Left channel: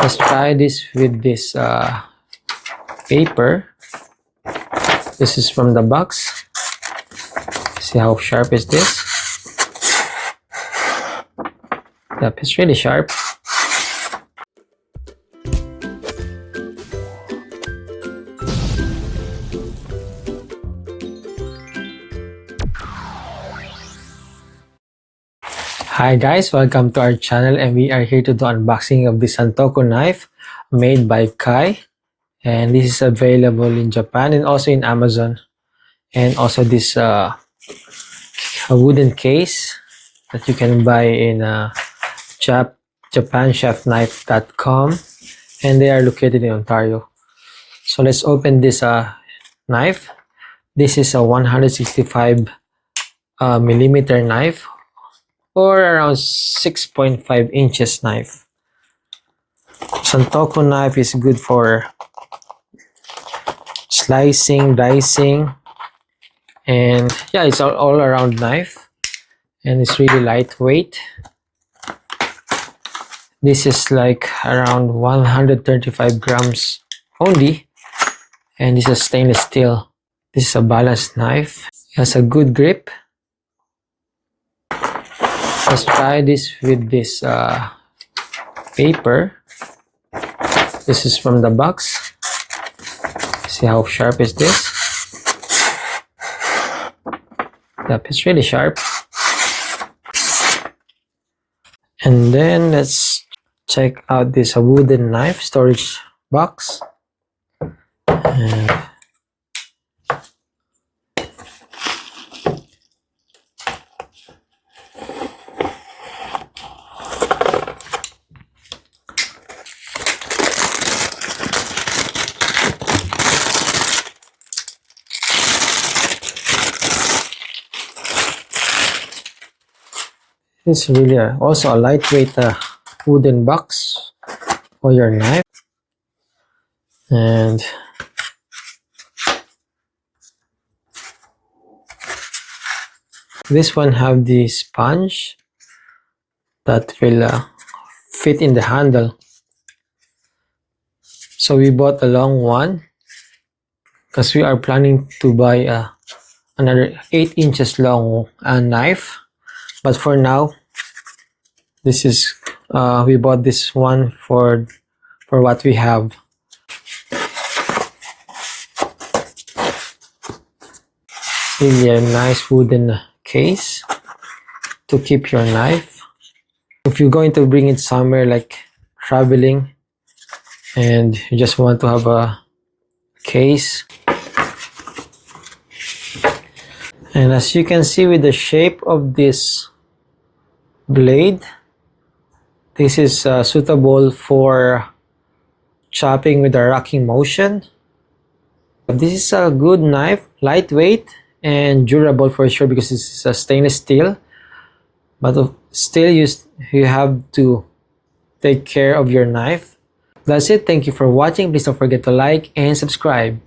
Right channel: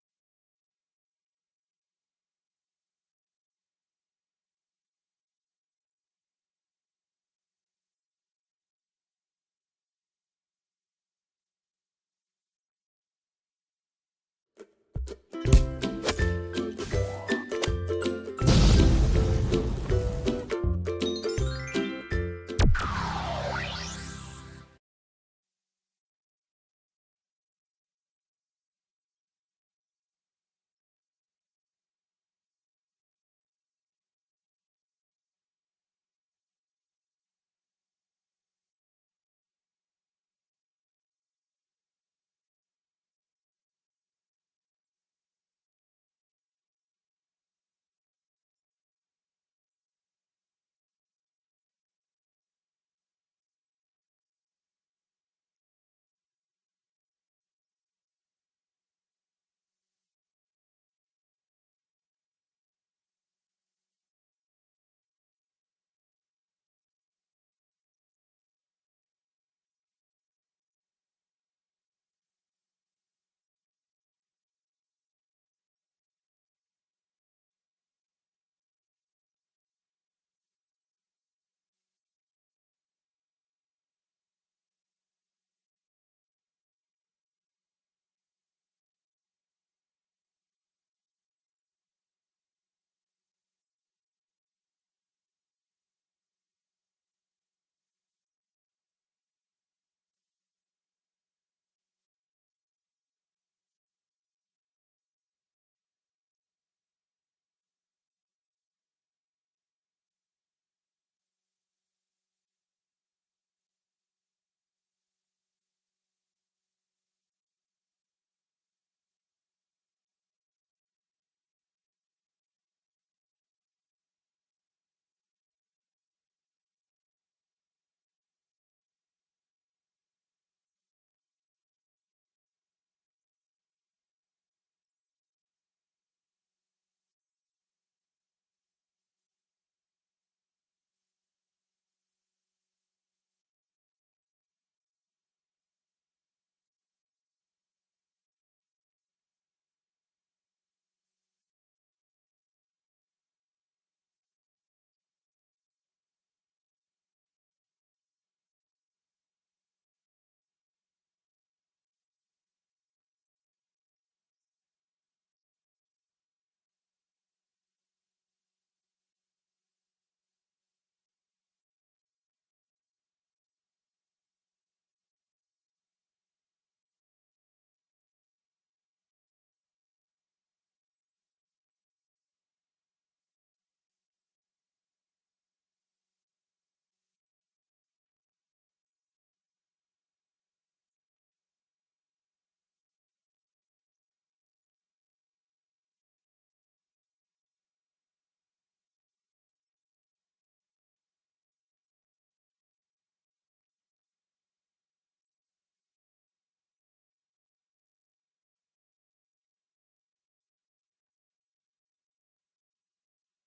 Let's try this with this paper. This is from the box. See how sharp is this? Yep, it's really sharp. Hi guys, welcome to our channel, and we are here to do unboxing of the Santoku knife made by Kai, and this is available in Japan and also in Amazon, and also this a wooden case that you can buy in japanchefknife.com, and they are located in Ontario. So let's open this knife. This is a 165 millimeter knife, or around 6.5 inches knife. Santoku knife is good for slicing, dicing, and yeah, it's all around knife, and it's really lightweight. This is like around 135 grams only, and this is stainless steel. This is a balanced knife. It has a good grip. Let's try this with this paper. This is from the box. See how sharp is this? Yep, it's really sharp. And then let's check out this wooden knife storage box. And it's really also a lightweight wooden box for your knife. And this one have the sponge that will fit in the handle. So we bought a long one because we are planning to buy another 8 inches long knife. But for now, this is we bought this one for what we have. Really a nice wooden case to keep your knife. If you're going to bring it somewhere like traveling and you just want to have a case. And as you can see with the shape of this blade, this is suitable for chopping with a rocking motion. This is a good knife, lightweight and durable for sure because it's a stainless steel, but still you have to take care of your knife. That's it. Thank you for watching. Please don't forget to like and subscribe.